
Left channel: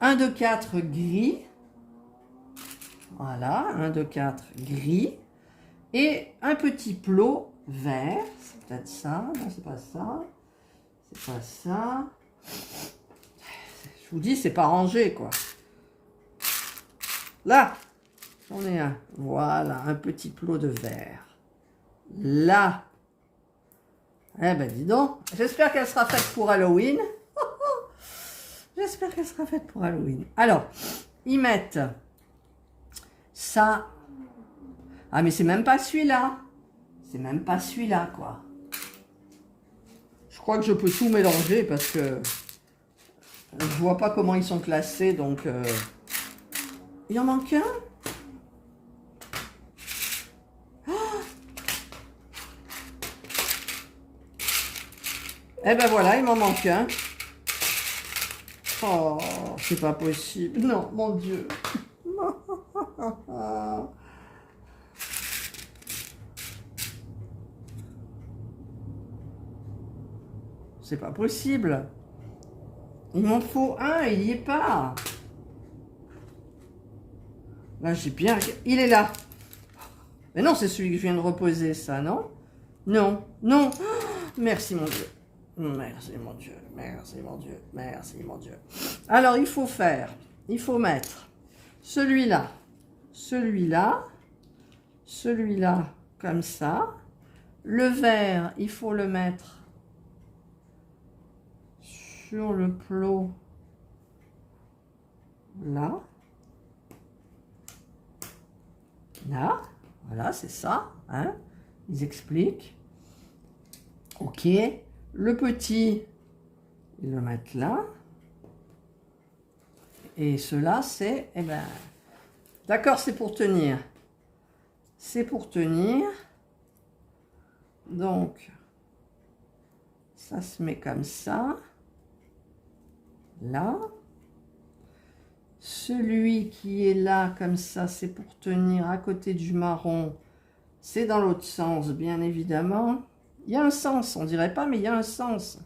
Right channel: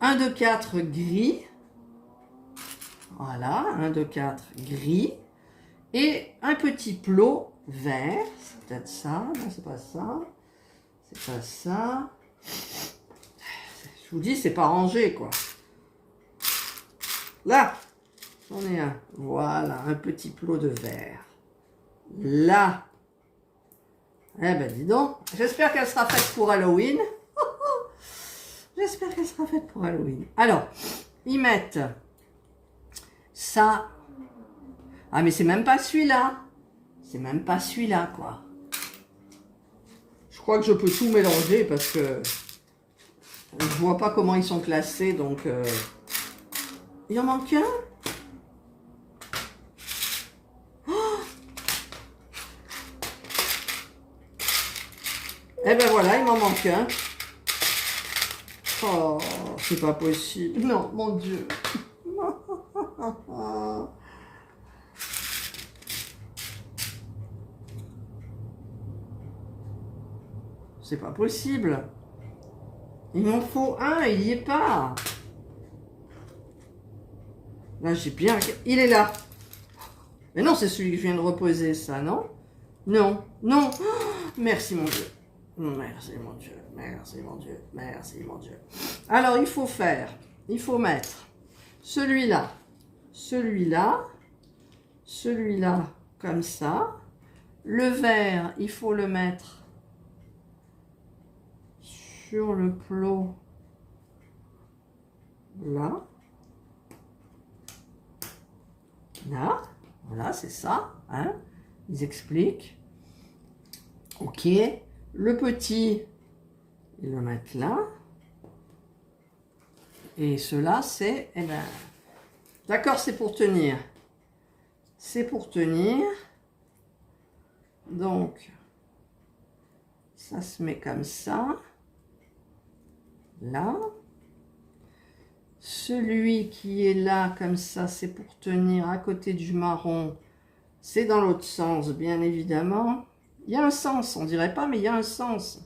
un de 4 gris. Voilà, un de 4 gris. Et un petit plot vert. C'est peut-être ça. Non, c'est pas ça. C'est pas ça. Je vous dis, c'est pas rangé, quoi. Là, j'en ai un. Voilà, un petit plot de vert. Là. Eh ben, dis donc. J'espère qu'elle sera faite pour Halloween. J'espère qu'elle sera faite pour Halloween. Alors, ils mettent ça. Ah, mais c'est même pas celui-là. C'est même pas celui-là, quoi. Je crois que je peux tout mélanger parce que je vois pas comment ils sont classés, donc... Il en manque un? Oh, eh ben voilà, il m'en manque un. Oh, c'est pas possible. Non, mon Dieu. C'est pas possible. Il m'en faut un, il n'y est pas. Là, j'ai bien... Il est là. Mais non, c'est celui que je viens de reposer, ça, non? Non, non. Oh, merci, mon Dieu. Merci, mon Dieu. Merci, mon Dieu. Merci, mon Dieu. Alors, il faut faire... Il faut mettre celui-là, celui-là, celui-là, comme ça. Le vert, il faut le mettre sur le plot, là. Là, voilà, c'est ça, hein, ils expliquent. Ok, le petit, ils le mettent là. Et cela, c'est, eh ben, d'accord, c'est pour tenir. C'est pour tenir. Donc, ça se met comme ça. Là. Celui qui est là, comme ça, c'est pour tenir à côté du marron. C'est dans l'autre sens, bien évidemment. Il y a un sens, on dirait pas, mais il y a un sens.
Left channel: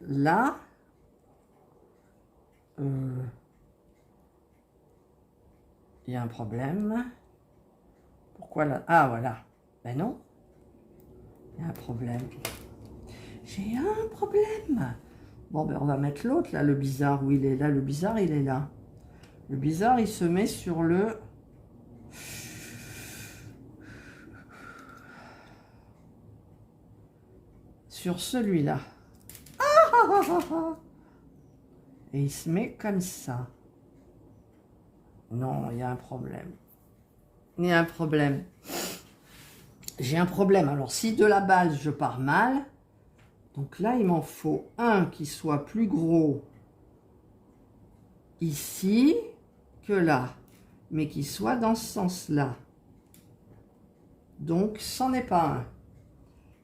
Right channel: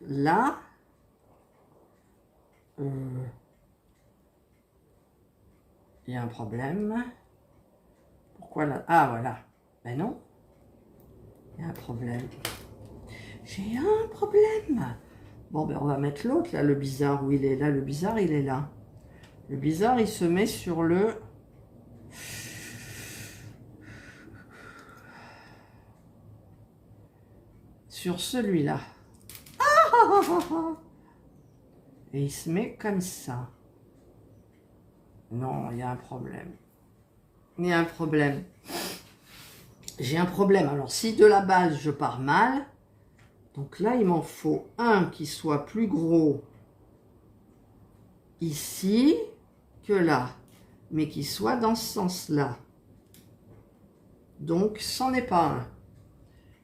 Là. Il y a un problème. Pourquoi là? Ah, voilà. Ben non. Il y a un problème. J'ai un problème. Bon, ben on va mettre l'autre, là, le bizarre, où il est là. Le bizarre, il est là. Le bizarre, il se met sur le... Sur celui-là. Et il se met comme ça. Non, il y a un problème. Il y a un problème. J'ai un problème. Alors, si de la base, je pars mal, donc là, il m'en faut un qui soit plus gros ici que là, mais qui soit dans ce sens-là. Donc, c'en est pas un.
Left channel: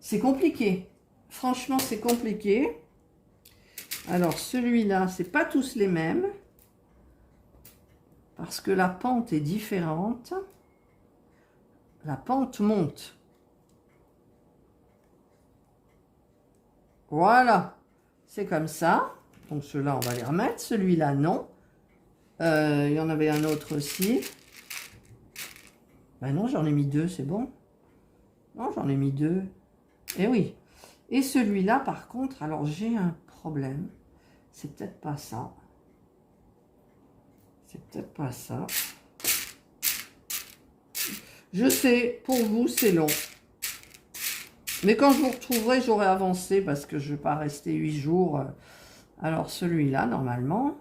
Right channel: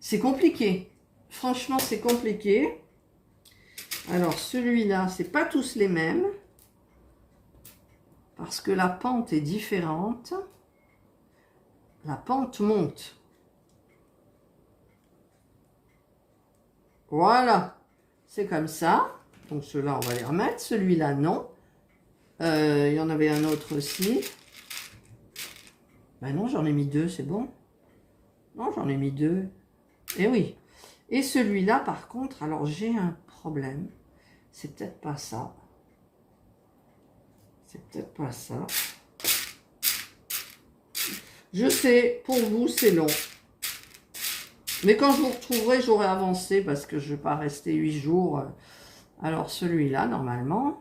C'est compliqué. Franchement, c'est compliqué. Alors, celui-là, c'est pas tous les mêmes. Parce que la pente est différente. La pente monte. Voilà. C'est comme ça. Donc, ceux-là, on va les remettre. Celui-là, non. Il y en avait un autre aussi. Ben non, j'en ai mis deux, c'est bon. Non, j'en ai mis deux. Eh oui. Et celui-là, par contre, alors j'ai un problème. C'est peut-être pas ça. C'est peut-être pas ça. Je sais, pour vous, c'est long. Mais quand je vous retrouverai, j'aurai avancé parce que je ne vais pas rester 8 jours. Alors, celui-là, normalement,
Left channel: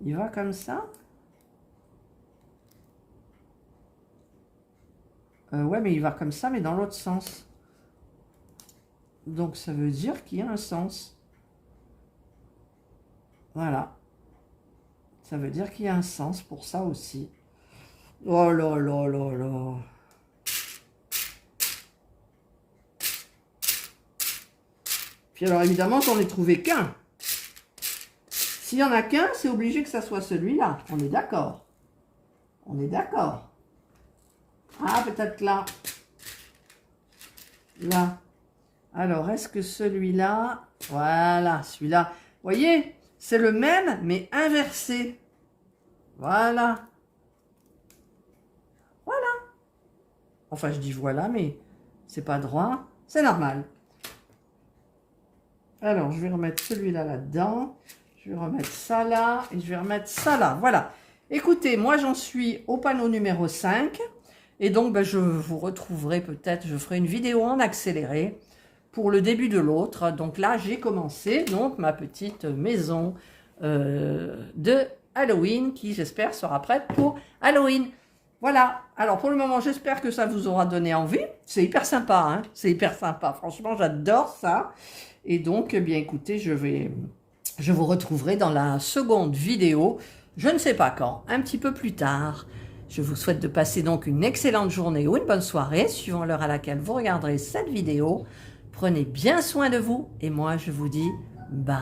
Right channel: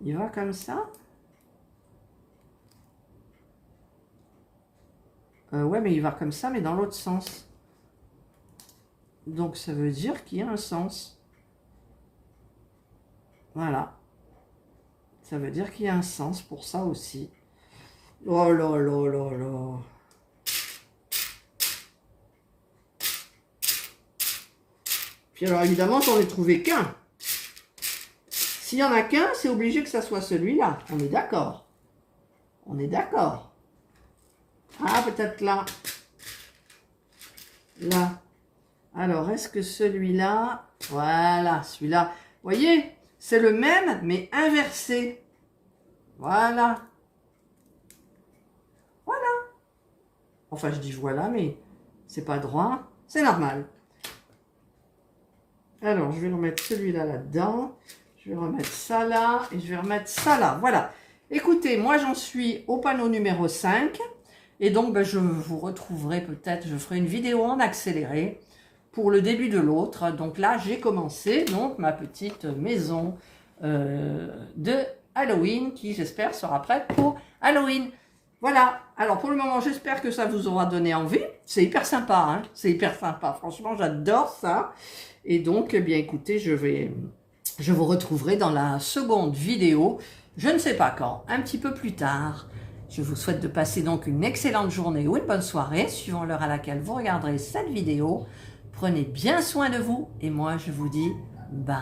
il va comme ça. Ouais, mais il va comme ça, mais dans l'autre sens. Donc, ça veut dire qu'il y a un sens. Voilà. Ça veut dire qu'il y a un sens pour ça aussi. Oh là là là là. Puis alors évidemment, j'en ai trouvé qu'un. S'il y en a qu'un, c'est obligé que ça soit celui-là. On est d'accord. On est d'accord. Ah, peut-être là. Là. Alors, est-ce que celui-là... Voilà, celui-là. Vous voyez, c'est le même, mais inversé. Voilà. Voilà. Enfin, je dis voilà, mais c'est pas droit. C'est normal. Alors, je vais remettre celui-là là-dedans. Je vais remettre ça là. Et je vais remettre ça là. Voilà. Écoutez, moi, j'en suis au panneau numéro 5. Et donc, ben, je vous retrouverai peut-être, je ferai une vidéo en accéléré pour le début de l'autre. Donc là, j'ai commencé donc ma petite maison de Halloween qui, j'espère, sera prête pour Halloween. Voilà. Alors, pour le moment, j'espère que ça vous aura donné envie. C'est hyper sympa, hein. C'est hyper sympa. Franchement, j'adore ça. Et donc, eh bien, écoutez, je vous retrouverai dans la seconde vidéo. Je ne sais pas quand, un petit peu plus tard. Je vous souhaite de passer donc une excellente journée ou une bonne soirée, suivant l'heure à laquelle vous regarderez cette vidéo. Prenez bien soin de vous et moi, je vous dis bye.